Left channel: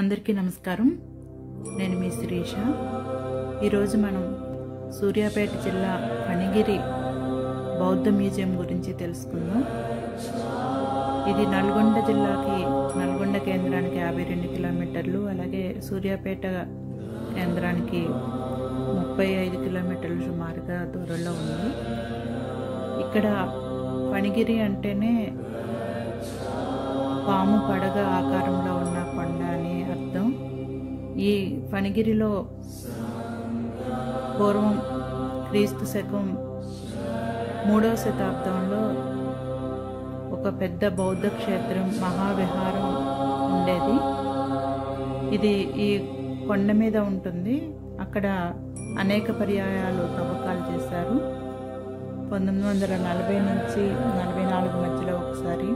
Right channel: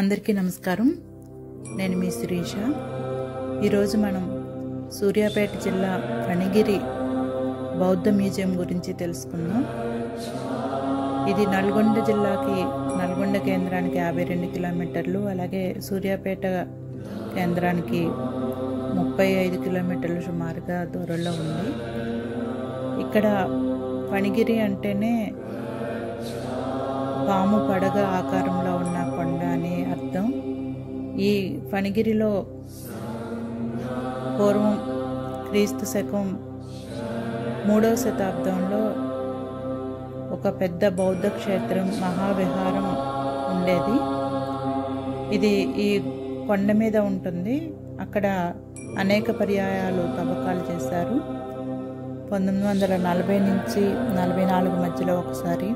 అందరికీ నమస్కారం. నేను మీ శిరీష. ఈరోజు మనం సూర్యాపేట జిల్లా ఫణిగిరి బౌద్ధ మ్యూజియం గురించి తెలుసుకుందాం. ఇది నల్గొండ జిల్లాకి నల్గొండ కేంద్రానికి 52 కిలోమీటర్లు, అలాగే సూర్యాపేట కేంద్రానికి 35 కిలోమీటర్లు సుమారుగా దూరంలో ఉంది. ఇక్కడ ఫణిగిరి అంటేనే పాము పడగ ఆకారంలో ఉన్న కొండ అని అర్థం. ఈ ఫణిగిరిలో పూర్వం క్రీస్తు శకం 3వ శతాబ్దంలో ఒక పెద్ద బౌద్ధ క్షేత్రం మహావిహారం ఉండేది. ఇది ఈ కొండ మీద ఉంటుంది. అక్కడ అనేక పర్యాయాలు తవ్వకాలు చేశారు. 1940 నుంచి 44 మధ్యలో ఒకసారి,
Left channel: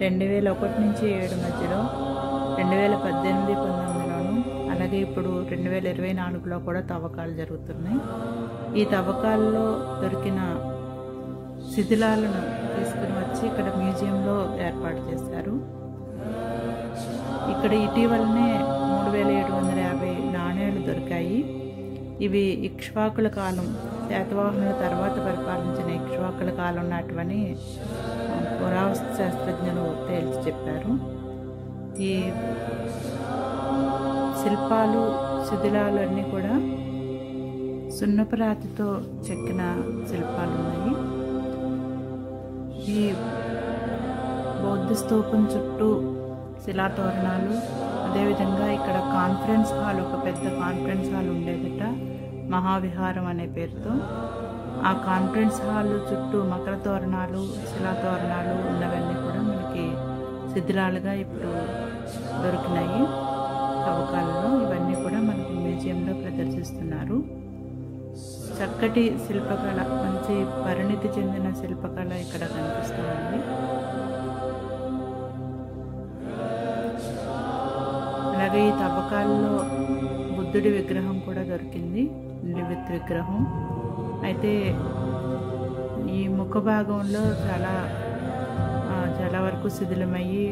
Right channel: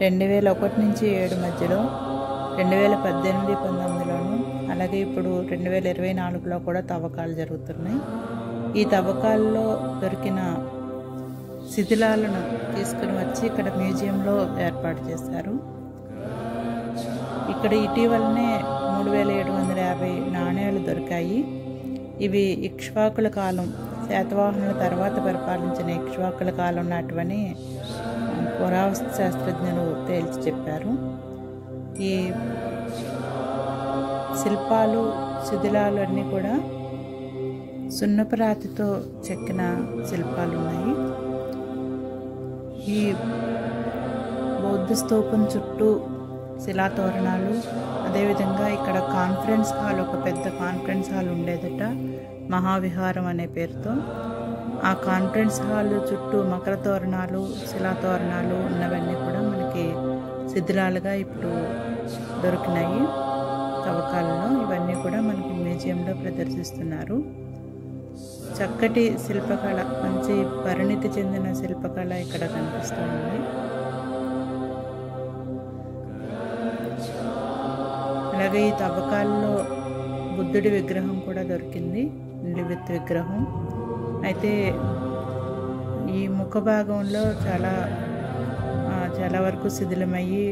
2001 నుంచి 7 మధ్యలో, 2018-19లోను, అలాగే ఇప్పుడు 2024లో కూడా తవ్వకాలు జరుగుతున్నాయి. ఈ తవ్వకాల్లో దొరికిన శిథిలాలను తీసుకుని వచ్చి ఇక్కడ మ్యూజియంలో ఏర్పాటు చేశారు. ఇక్కడ ఇటీవలనే 3750 నాణేలు దొరికాయి. ఇవి ఇక్ష్వాకుల కాలం, శాతవాహనుల తర్వాత పరిపాలించిన ఇక్ష్వాకుల కాలం నాటివని పురావస్తు శాస్త్రజ్ఞులు తేల్చి చెప్పారు. ఈ శిల్పాలు, శిథిలాలు అన్నీ కూడా సున్నపు రాతితో చెక్కిన శిల్పాలు ఉన్నాయి. ఈ బౌద్ధ స్తూపం చుట్టూ శిలాతోరణాలు, అదేవిధంగా ఇక్కడ కాన్ఫరెన్స్ హాల్, ఒక పెద్ద కాన్ఫరెన్స్ హాల్ ఉండేదట, మహావిహారం అనే పేరుతో. ఆ కాన్ఫరెన్స్ హాల్ చుట్టూ మకర తోరణాలు, శిలాతోరణాలు ఉన్నవన్నీ కూడా మనకి శిథిలాలుగా ఇప్పుడు దొరికినాయి తవ్వకాలలో. ఇవన్నీ కూడా మనకి మ్యూజియంలో ప్రదర్శిస్తున్నారు. చక్కటి శిల్పకళ, మంచి పరిణితి చెందిన శిల్పకళ ఇక్కడ కనిపిస్తుంది. అలాగే ఈ తవ్వకాలలో బుద్ధుడి విగ్రహం కూడా దొరికింది, నిలువెత్తు విగ్రహం. అయితే ఈ ముఖ భాగంలో చాలా వరకు శిథిలమయ్యి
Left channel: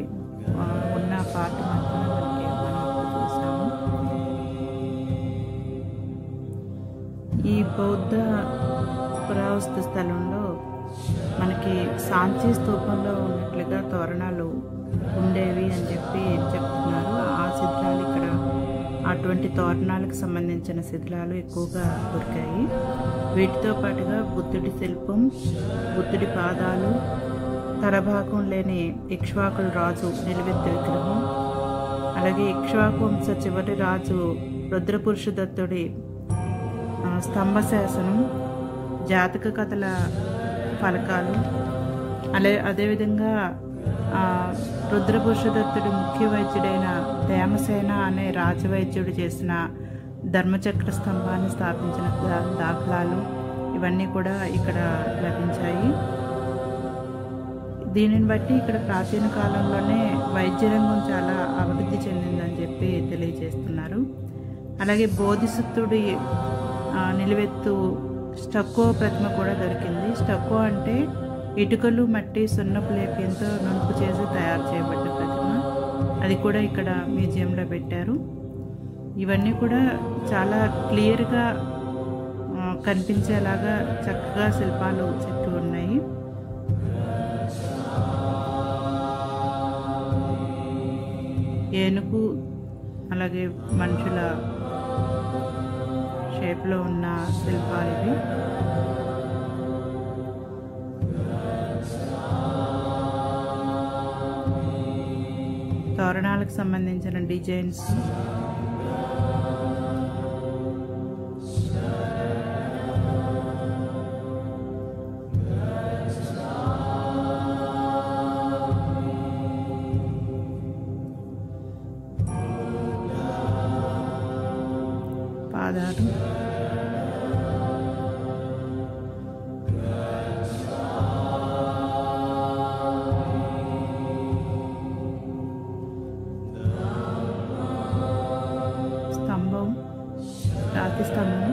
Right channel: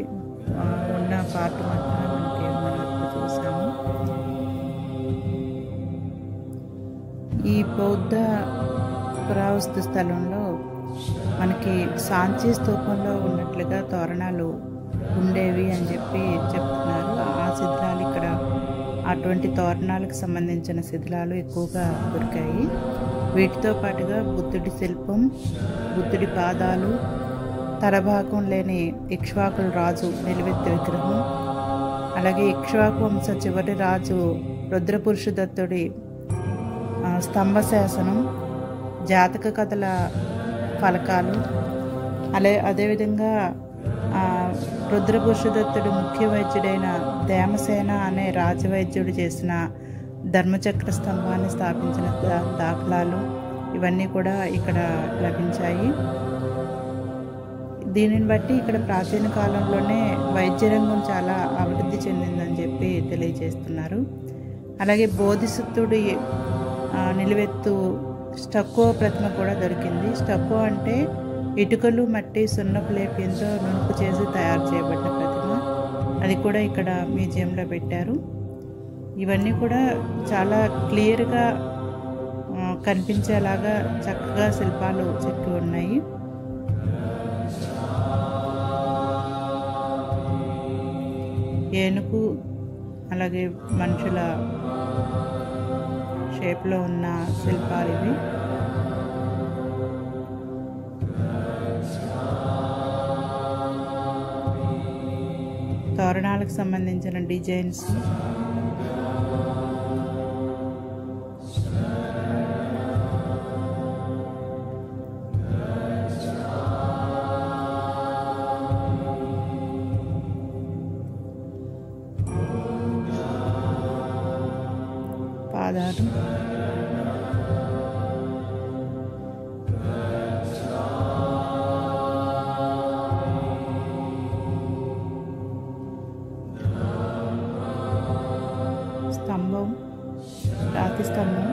ఉన్న పార్ట్ మాత్రమే మనం ఇప్పుడు చూసాము. ఈ బౌద్ధ పురావస్తు స్థలంలో మనకి సాంచి స్తూపంలో ఉన్నట్లుగా తోరణాలు ఉండేవి అని చెప్తున్నారు. ఆ శిథిలాలు ఇక్కడ, అటువంటి తోరణాలకు సంబంధించిన శిథిలాలు ఎక్కువగా దొరికాయి. వీటితో పాటుగా బుద్ధుడి శిల్పం, బుద్ధుడి పాదాలు, తలభాగం లేని ఇక్ష్వాకుల రాజు నిలువెత్తు విగ్రహం, అలాగే ఇక్ష్వాకు వంశ చివరి రాజు రుద్రపురుషదత్తుడి స్తంభ శాసనం, జాతక కథల ఫలకాలు, అదేవిధంగా రుద్రపురుషదత్తుడి ముఖ్య వైద్యుడైన దేమసేన అనే రాజవైద్యుడు చేసిన ధర్మచక్ర స్తంభాన్ని స్థాపించిన దాఖలాలు, ఇవన్నీ కూడా ఇక్కడ లభించాయి. దీనిని బట్టి ఇక్కడ ప్రాచీన కాలంలోనే వైద్య రంగం చాలా అభివృద్ధి చెందిందని తెలియజేస్తున్నారు. అలాగే బోధిసత్వుడి నిలువెత్తు స్టక్కో ప్రతిమ కూడా దొరికింది. స్టక్కో అంటే ఇటుకలు, మట్టి, సున్నపు లేప్యంతో నునుపు చేసి తయారు చేయబడ్డ ప్రతిమ. అది కూడా ఇక్కడ మ్యూజియంలో పెట్టారు. ఇవన్నీ కూడా చాలా క్లియర్గా కనిపించేలాగా చక్కగా శిల్పాలు చెక్కి ఉన్నాయి. ఏనుగు, అలాగే మనుషుల షేప్లో ఉన్న శిల్పాలు ఇవి. తోరణాలకు సంబంధించిన డిజైన్స్, పాదాలు, స్తంభం, రాతి స్తంభం,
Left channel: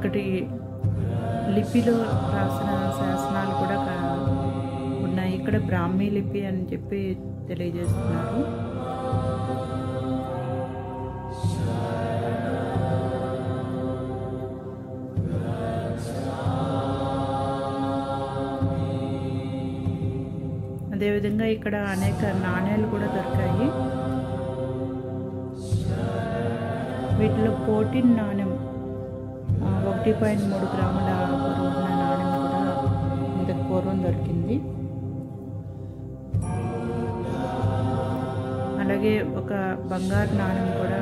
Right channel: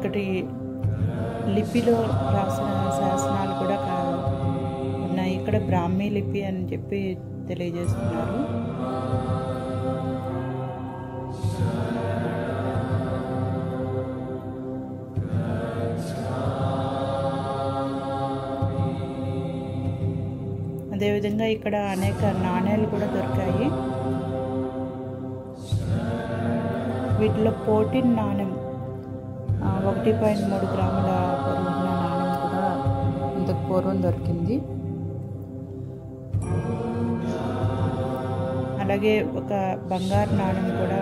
ఇక్కడి లిపిలో రాసిన శాసనాలు కూడా ఉన్నాయి. ఇక్కడ బ్రాహ్మీ లిపి అని చెప్పి తెలియజేస్తున్నారు. అదేవిధంగా ఇక్కడ అనేక నాణేలు కూడా దొరికాయి. వీటిలో 14 నాణెం 1.3 గ్రాముల బరువున్న నాణెం కూడా ఇంతకు పూర్వం దొరికింది. అలాగే ఒక బంగారు నాణెం కూడా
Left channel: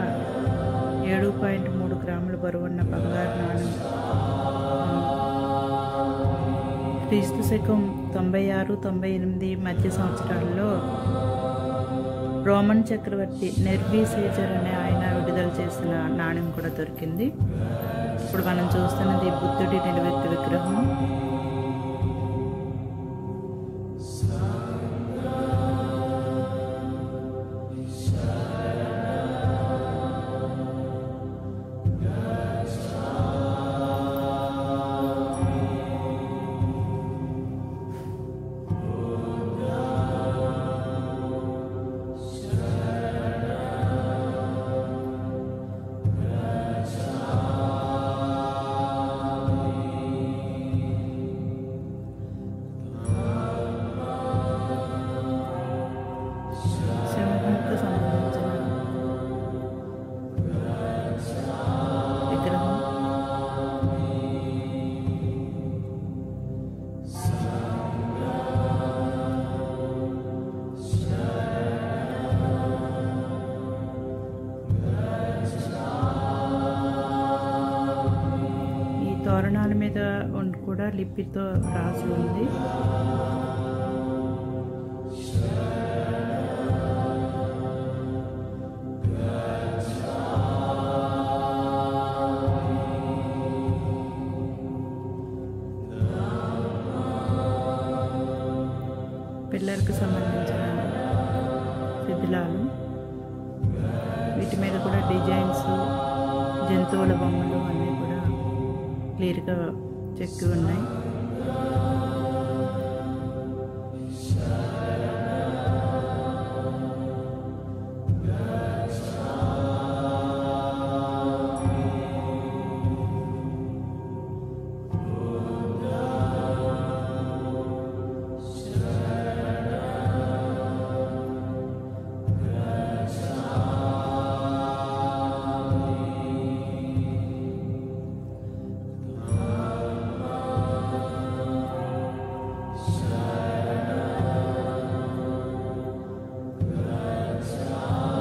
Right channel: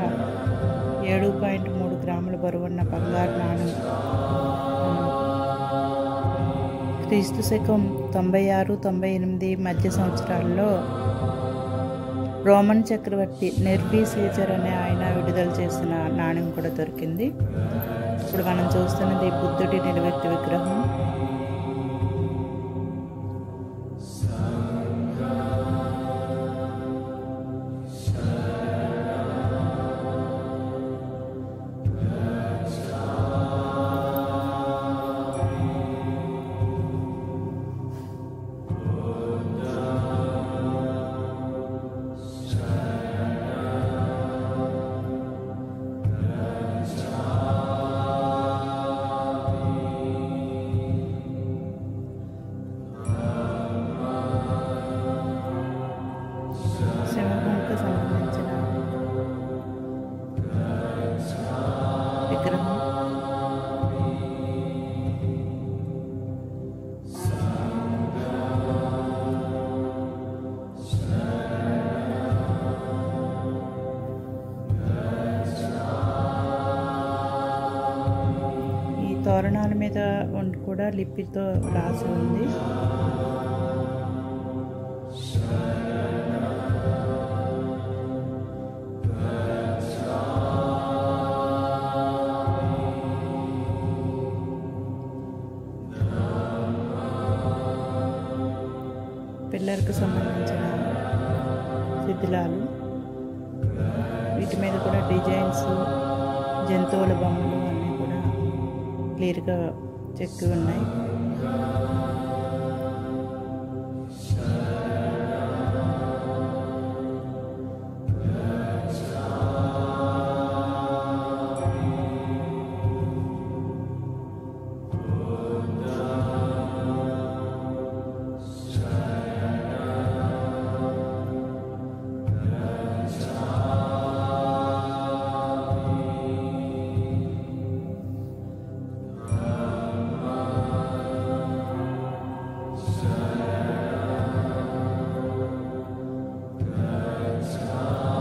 7.3 గ్రాముల బరువున్న బంగారు నాణెం క్రీస్తు శకం 96-98 మధ్య సంవత్సరాల్లో రోమన్ చక్రవర్తి నెర్వీ సీజర్ అనే ఆయన విడుదల చేసిన నాణెం కూడా దొరికింది. ఇప్పుడు మనం చూస్తున్నది బుద్ధుడి నిలువెత్తు విగ్రహం. సంబంధించిన విగ్రహం. ఈ తోరణాల మీద కూడా లిపితో రాసి ఉంది. పిల్లర్కి సంబంధించిన శిథిలాలు, వీటి మీద కూడా డిజైన్స్, జంతువుల బొమ్మలు అన్నీ కూడా క్లియర్గా చెక్కి ఉన్నాయి.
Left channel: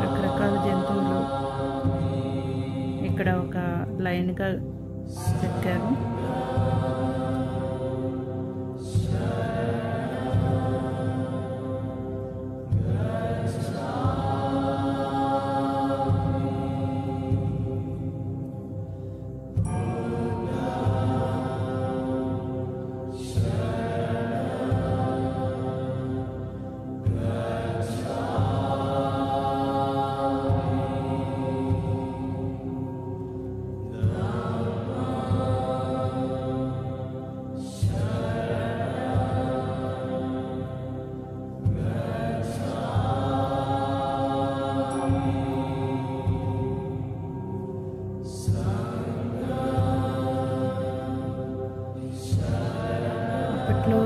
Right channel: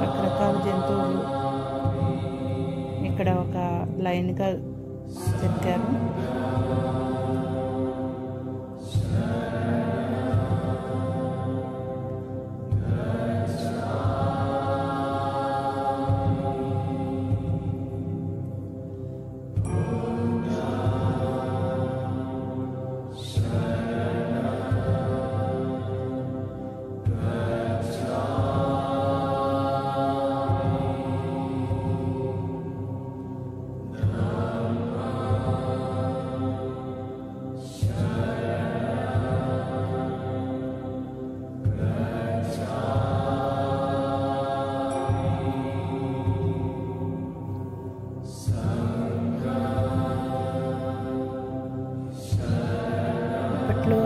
రకరకాల జంతువులు ఇక్కడ ఒక లైన్గా చెక్కారు. అప్పట్లో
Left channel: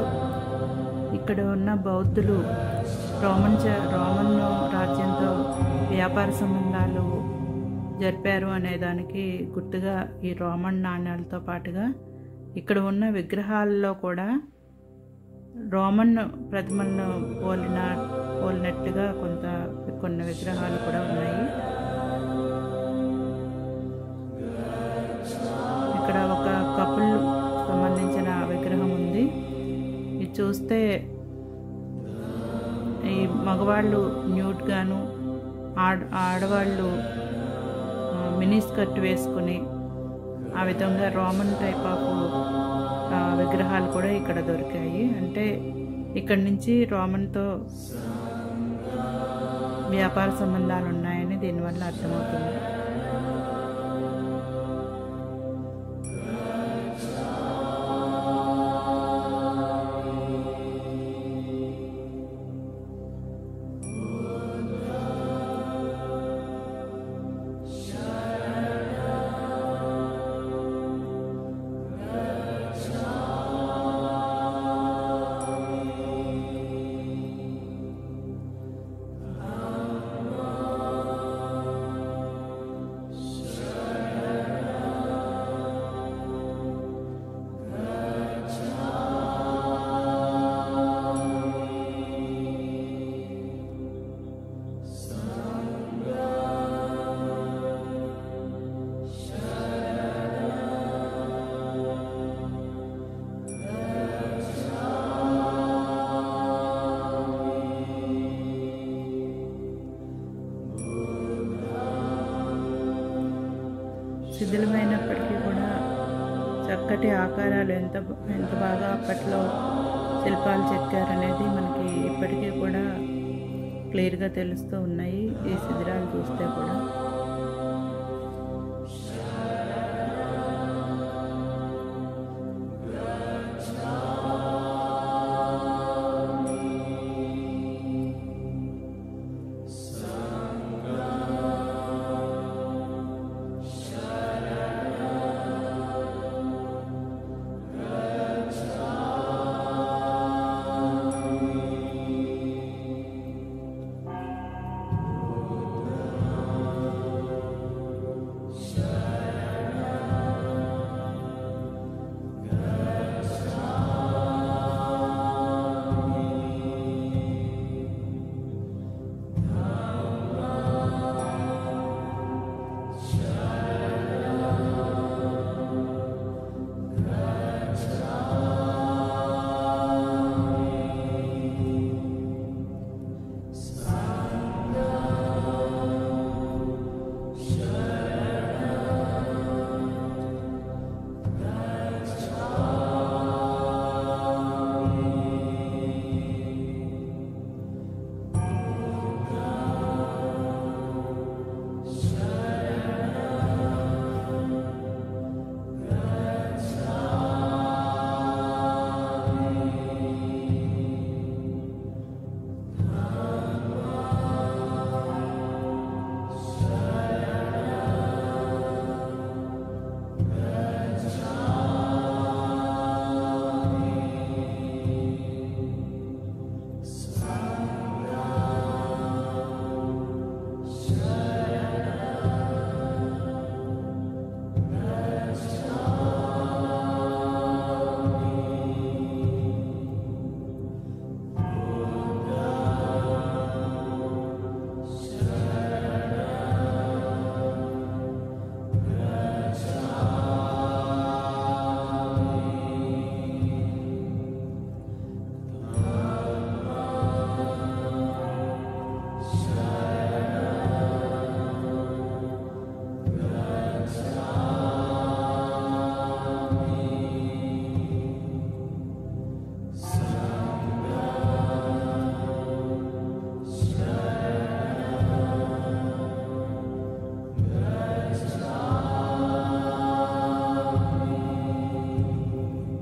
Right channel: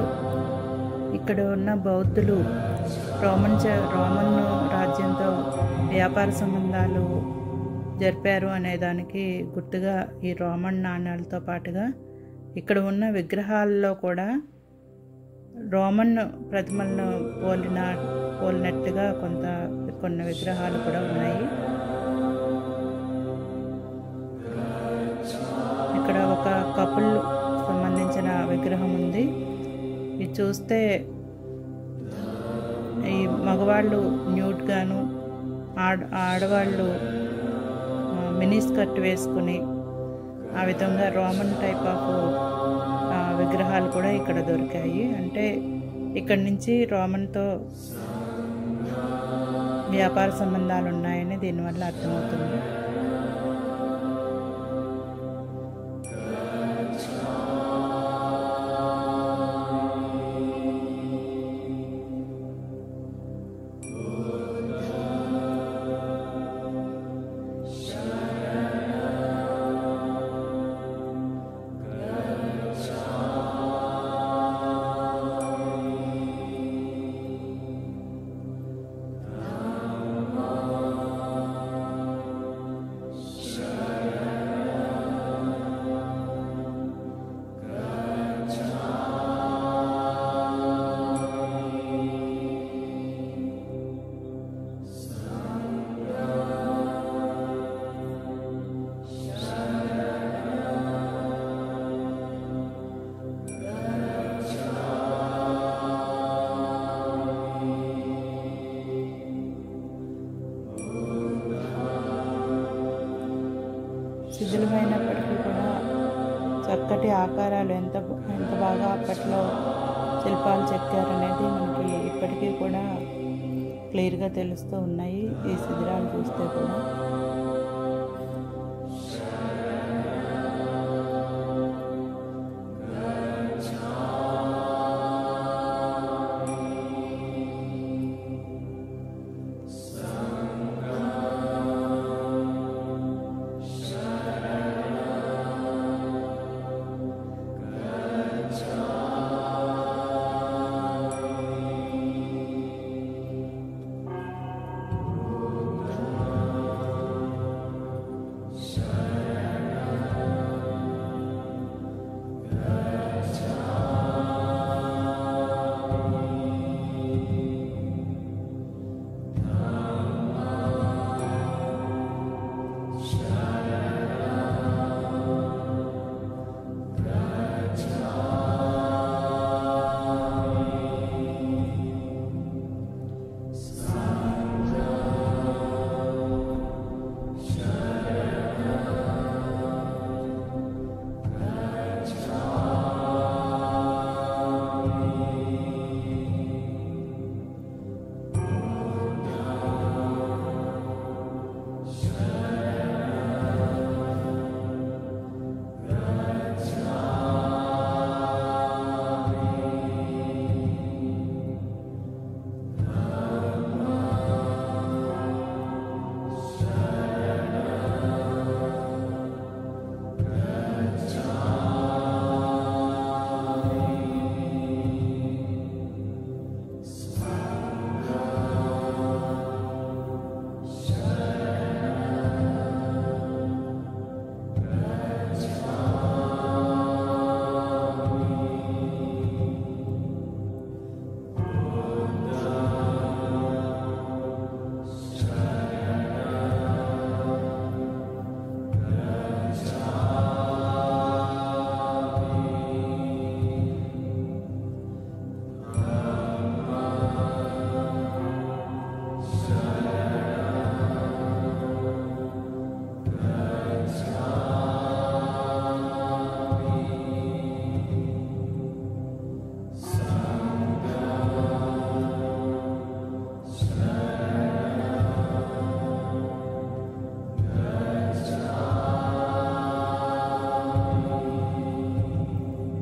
ఇక్కడ ఉన్న బౌద్ధులు రోమన్ రాజ్యంతో వ్యాపార సంబంధాలు జరిపారు అనేదానికి గుర్తుగా ఈ రోమన్ నాణ్యాలతో పాటుగా ఇక్కడ ఉన్న విగ్రహాల్లో కూడా రోమన్ ప్రతిమలను పోలినట్టుగా కొన్ని విగ్రహాలు కూడా ఉన్నాయి. ఇక్కడ ఒక కపుల్ సంబంధించిన విగ్రహం ఉంది. ఇది చూస్తే ఈ మగవాళ్ళు న్యూడ్ గాను, ఆడవాళ్ళు మినీ స్కర్ట్ వేసుకుని ఆ విధంగా రోమన్ టైప్ ఆఫ్ విగ్రహాలు కూడా ఇక్కడ దొరికాయి. అంటే ఇక్కడి నుంచి రోమన్తో వ్యాపార సంబంధాలు ఉన్నాయని దీనివల్ల అర్థమవుతుంది. శిథిలమైనప్పటికీ కూడా చక్కటి ఆకారాలు ఎంత ఎంత బాగా అప్పట్లో శిల్పాలు చెక్కారనేది మనకి ఇప్పటికీ కూడా క్లియర్గా తెలుస్తూ ఉన్నాయి ఈ శిథిలాలు చూస్తే కూడా.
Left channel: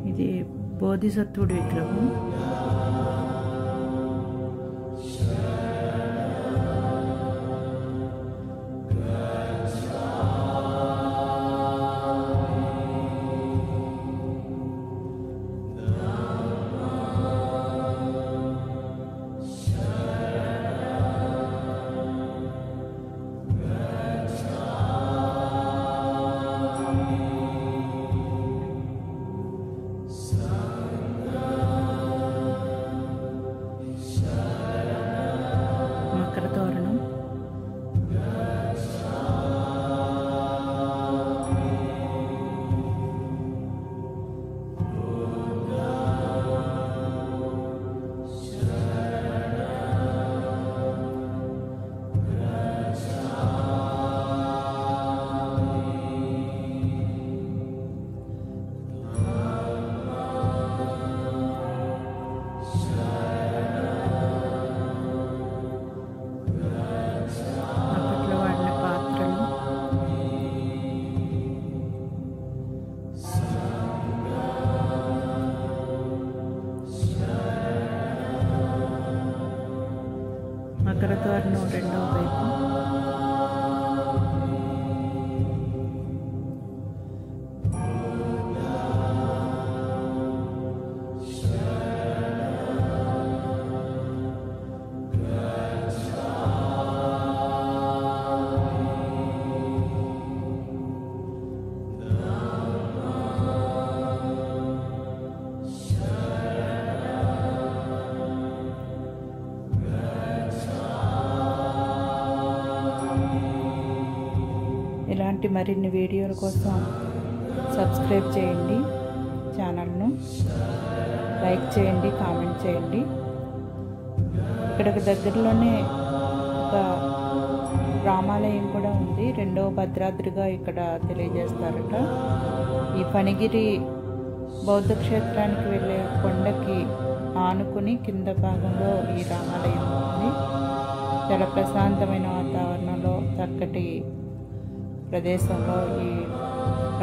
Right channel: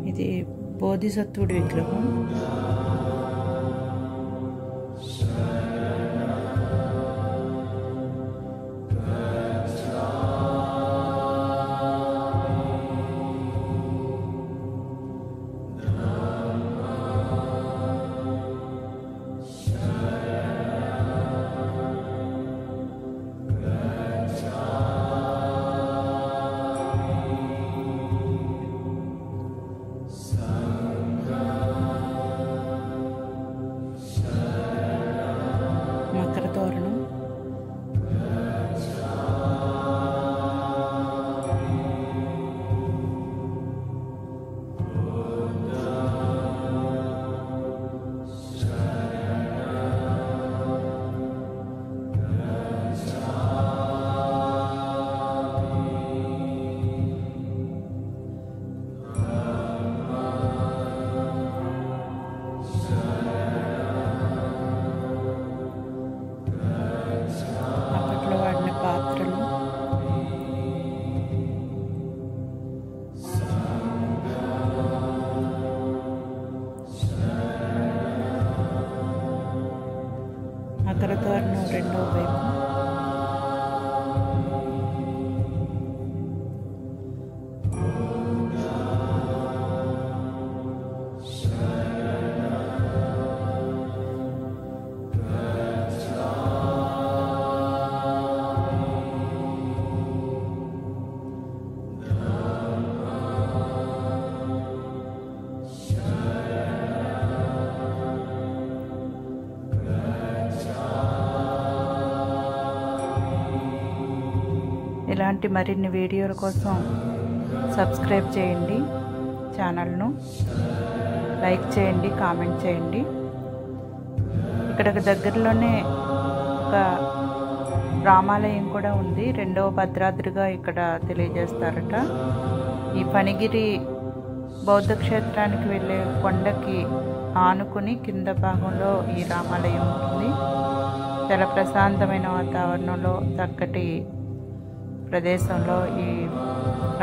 ఇది బోధిసత్వుడి విగ్రహం. మకర తోరణం, పాత్రలు, మకర తోరణం రెండవ వైపు, ఇలాంటి మరిన్ని వీడియోల కోసం సబ్స్క్రైబ్ చేయండి, ఛానల్ను లైక్ చేయండి, కామెంట్ చేయండి. ఇక్కడికి దగ్గరలోనే ఒక రామాలయం కూడా ఉంది. రెండవ భద్రాద్రిగా ఇక్కడ తెలియజేస్తారట. ఈ ఫణిగిరి బౌద్ధ క్షేత్రానికి వెళ్ళే కొండకి ఆనుకుని కింద భాగంలో ఈ రామాలయం ఉంటుంది. చాలా ప్రశాంతమైన వాతావరణంలో చక్కటి ప్రదేశంలో ఈ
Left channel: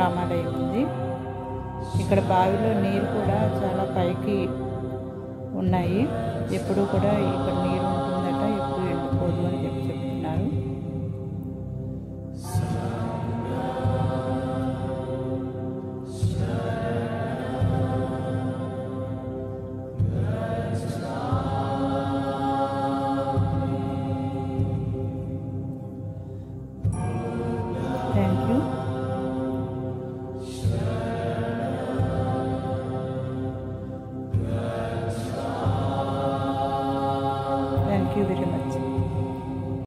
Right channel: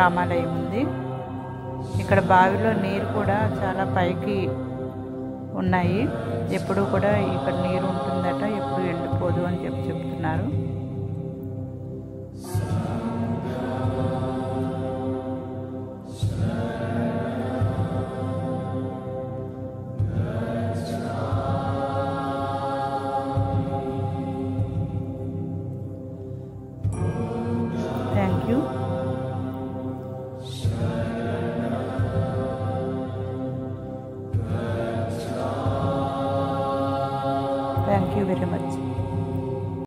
రామాలయం ఉంది. ఇక్కడ బావిలో నీరు కూడా చాలా పైకి ఉన్నాయి. ఎప్పుడు కూడా ఇక్కడ నీరు ఉంటుందట, ఎప్పుడు ఎండిపోదు అని చెప్తున్నారు. Thank you. Thank you very much.